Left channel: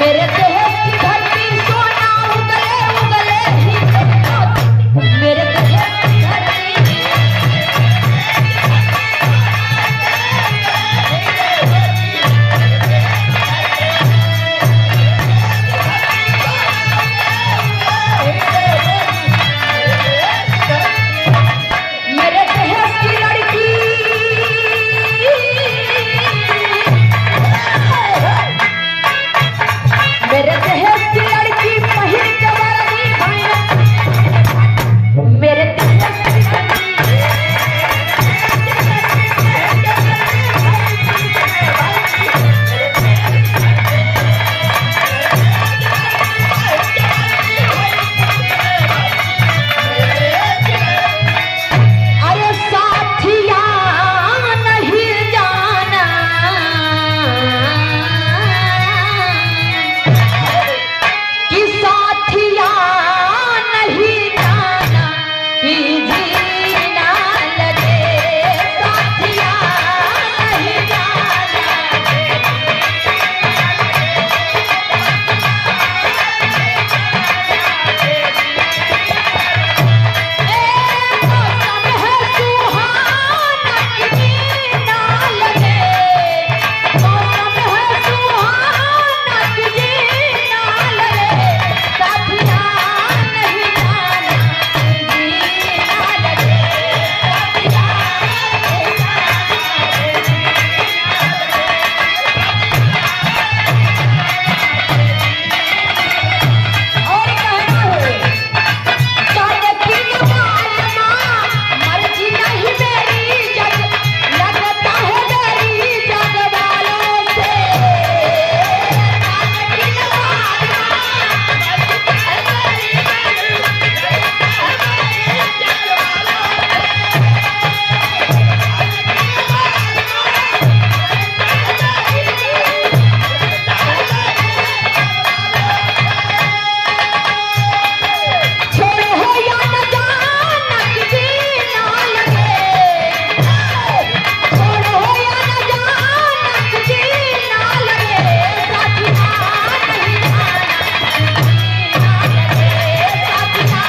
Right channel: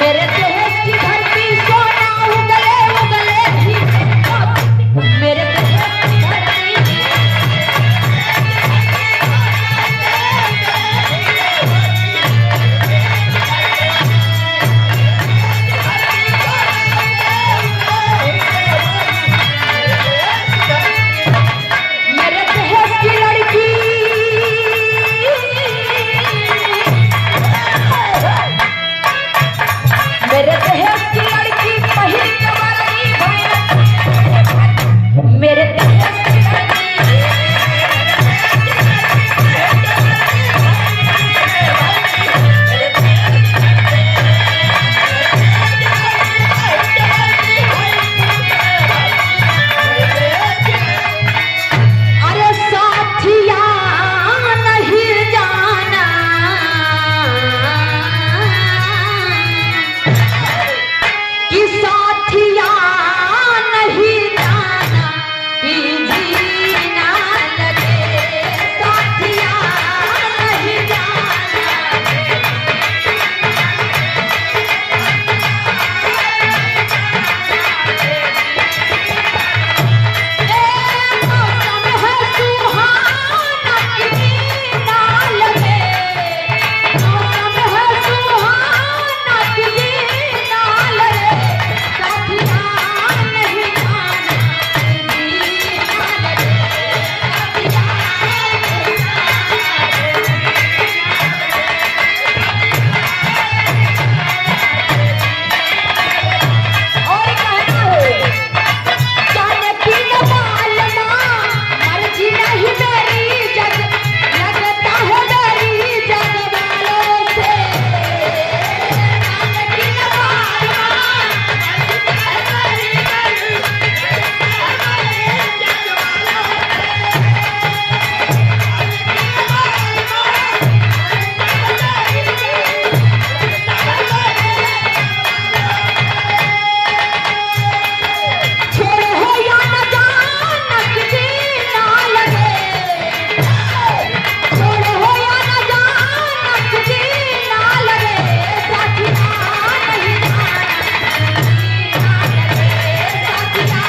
मेरे देश की धरती सोना उगले उगले ही मेरे देश की धरती मेरे देश की लड़की मेरे देश की लड़की पहिल के बरनी भाई मेरे देश की अरे साथिया नहीं जाना कि साथिया नहीं जाना कि जीना लगे साथिया नहीं जाना मौसम है सुहाना कि जीना लगे मौसम है सुहाना कि जीना लगे साथिया नहीं जाना कि जीना लगे और कहते की मालना मर्जी नहीं मेरी जग लगता है मेरी जग वालों से की छोड़ो हो या न जाना कि जीना लगे छोड़ो हो या न जाना कि जीना लगे साथिया नहीं जाना लगे साथिया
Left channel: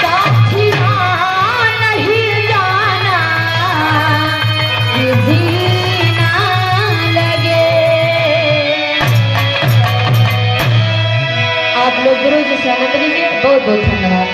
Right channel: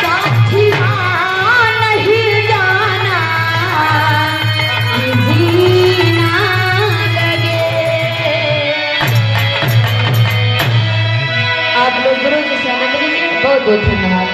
साथिया नहीं जाना कि जीना लगे। आप लोग गुरु जी से आनंद लीजिए। बहुत बहुत धन्यवाद।